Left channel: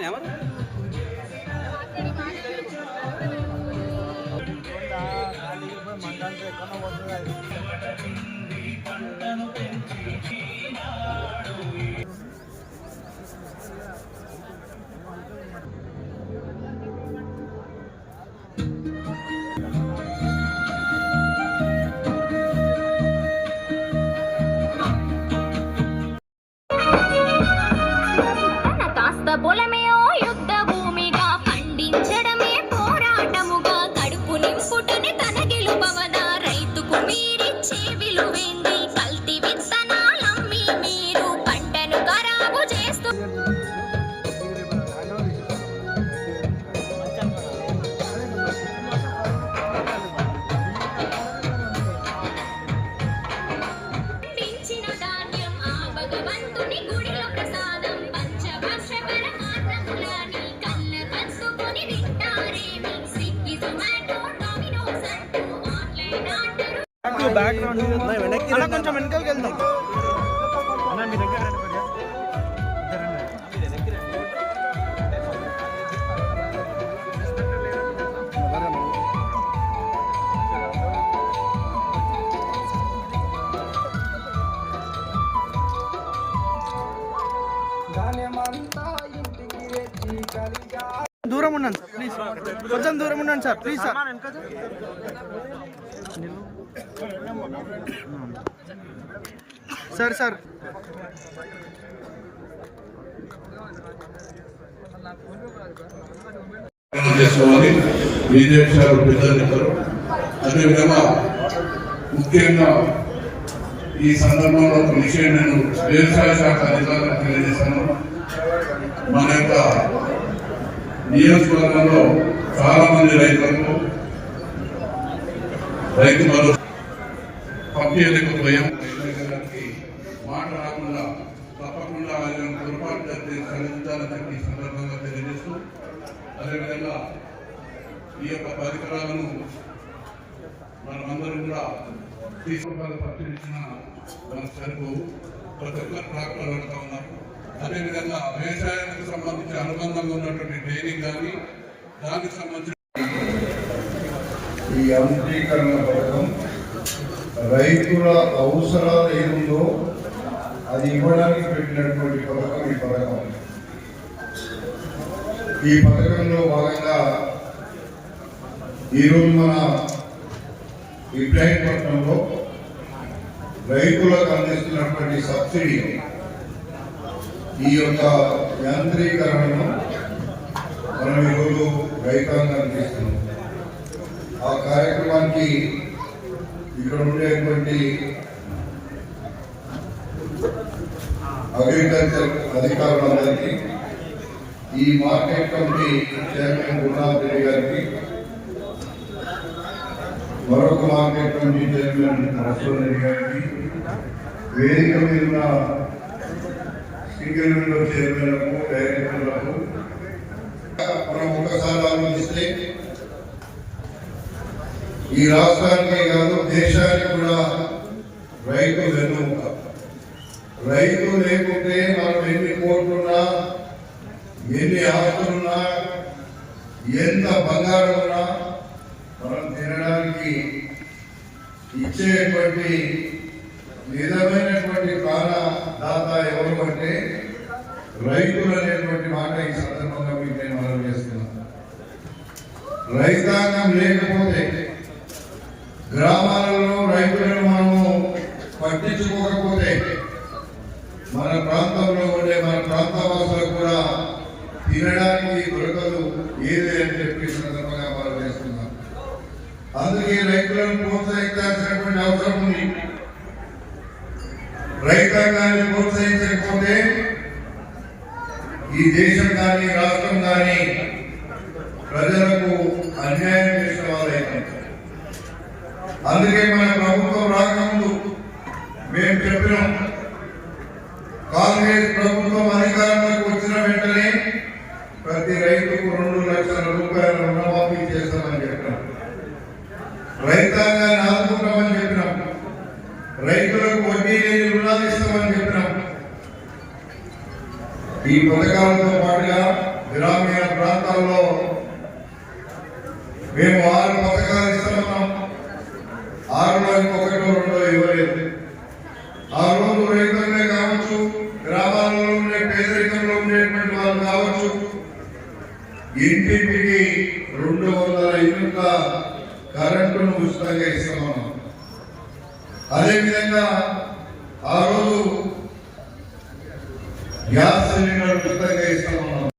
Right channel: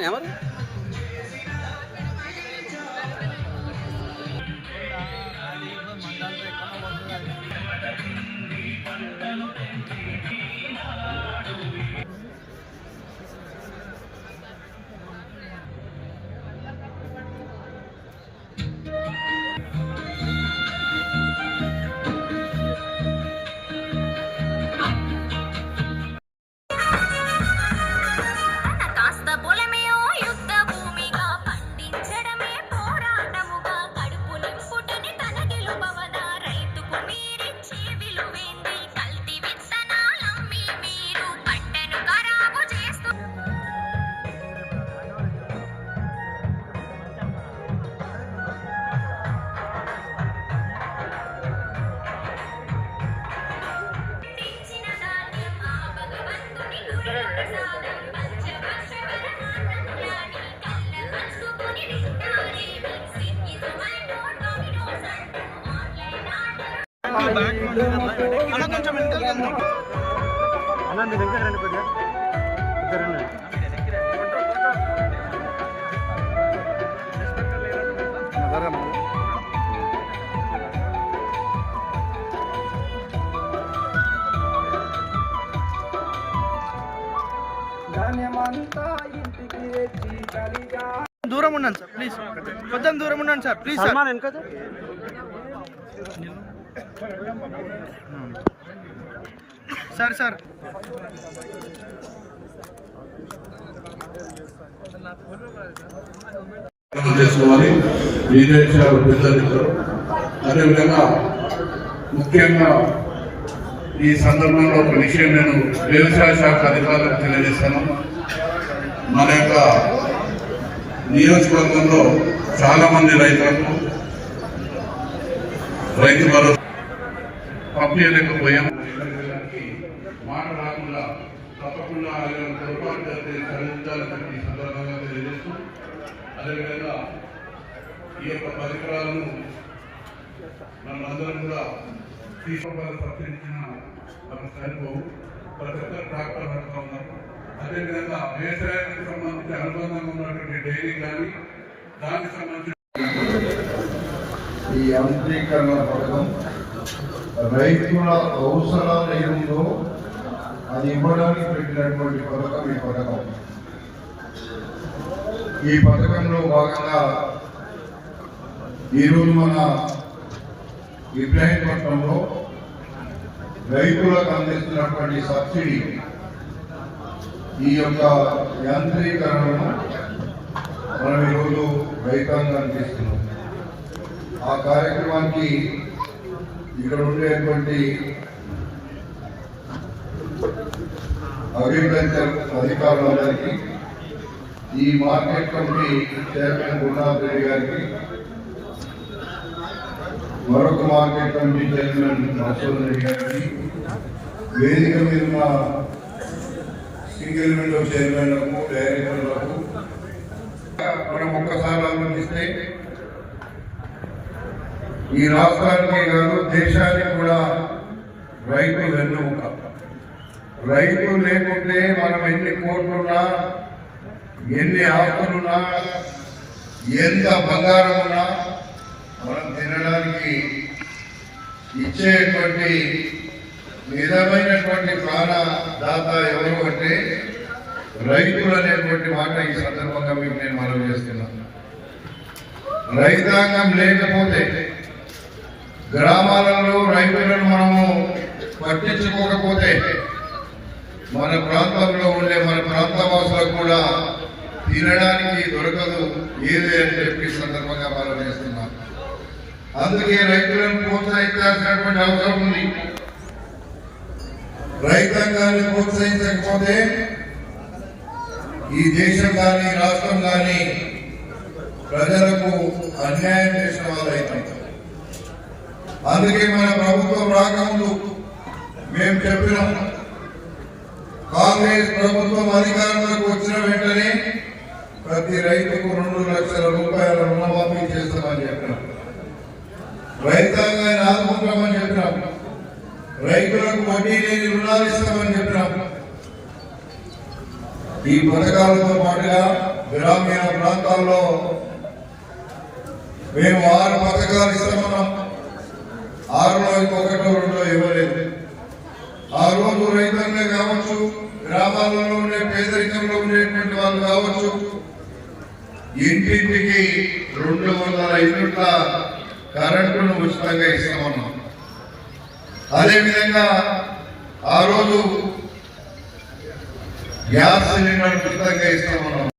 আমাদের అన్న కొంచెం వెనకాలకి వెళ్దాం. దూరం ఉండండి సార్ ప్లీజ్. కొంచెం దూరం ఉండండి sir please sir. Sir sir. చేసుకోవాలి. విదేశాలు అదేవిధంగా ముఖ్యంగా ఈ సందర్భంలో ఒక విషయం నేను వ్యవసాయ శాఖ అధికారులకు తెలియజేశాను మన యొక్క నియోజకవర్గంలో చాలా మంది రైతులకు రైతు భరోసా పంపించలేకపోయాం రైతులకి మాట రాకుండా తప్పకుండా ఆయన పొరపాటు జరిగితే సరిదిద్దాలని చెప్పి ఈ సందర్భంగా తెలియజేస్తూ అదేవిధంగా ఈ యొక్క పరికరాలను మనం అందరం కూడా తీసుకోవాలి తప్పించిన సరిపోవు. ప్రతి ఒక్క ట్రాక్టర్ అంటూ ఉన్నారు అదేవిధంగా వ్యవసాయానికి సంబంధించి అనుబంధంగా ఉన్నటువంటి డైరీ కానీ దానికి సంబంధించి ఈ యాంత్రీకరణ పథకం రైతుల అవసరాలు ఏముందో అది ఇవ్వడానికి పెట్టినటువంటి పథకం ఈ పథకం. ఈ పథకంలో భాగంగా ఈరోజు మన ఇబ్రాహీంపట్నంలో రైతులకు అందిస్తున్నటువంటి సబ్సిడీ ఈ యొక్క యాంత్రీకరణను మనం ఈరోజు రైతాంగం చేస్తున్నాం ఆ కార్యక్రమానికి ఇక్కడ ఉండేటువంటి అగ్రికల్చర్ అధికారులందరికీ ఈ market committee chairman Gurunath Reddy గారికి మరొక market committee chairman Masoor Reddy గారికి వేదిక మీద ఉన్న సింగిల్ విండో చైర్మన్లకు డైరెక్టర్లకు మనం ఒక్కసారి ఆలోచిస్తే ఈ రాష్ట్రానికే కాదు దేశానికి కూడా రైతు వెన్నుముక రైతు లేకుంటే మనం ఎన్ని కోట్లున్నా ఎన్ని ఆస్తులున్నా ఎంత బంగారం ఉన్నా మనం తినడానికి ఇచ్చేటువంటి నిజమైనటువంటి ప్రాణదాత ఎవరు అంటే రైతులు అనేటువంటి మాట ఈ సందర్భంగా మీకు నేను మనం చేస్తున్నాను. రైతాంగం లేకపోతే గ్రామాలలో రైతులను మనము పట్టించుకోకపోతే మన ప్రాంతంలో ఉండే మన ప్రాంతవాసులకు కూడా తినడానికి దొరకదు ఏది అని చెప్పి సందర్భంగా మనం చేస్తున్నారు. అందుకే రైతులను ప్రోత్సహించాల్సినటువంటి అవసరం ఉంది. రైతాంగాన్ని ప్రోత్సహించకపోతే ఈ దేశం కానీ రాష్ట్రం కానీ ప్రజలకు అన్యాయం చేసిన వాళ్ళైతే అందుకే మన ప్రభుత్వం రాకముందు మేము చెప్పినాం కాంగ్రెస్ ప్రభుత్వం అధికారంలోకి వచ్చిన వెంటనే ప్రతి రైతుకు రెండు లక్షల రూపాయల రుణమాఫీ చేస్తామని చెప్పినాం. రైతాంగాన్ని ఆదుకుంటామని చెప్పినాం. రైతులకు వడ్డీ లేని రుణాలు ఇస్తామని చెప్పినాం. ఈ పథకాలతో పాటుగా గ్రామీణ ప్రాంతాల్లో మేము ఆరు పథకాలు ఇస్తామన్నాం. ఆరులో ఒకటి కరెంటును ఉచితంగా ఇస్తామన్నాం అదేవిధంగా ఆ రోజు గ్యాస్ సిలిండర్ ఉచితంగా ఇస్తామన్నాం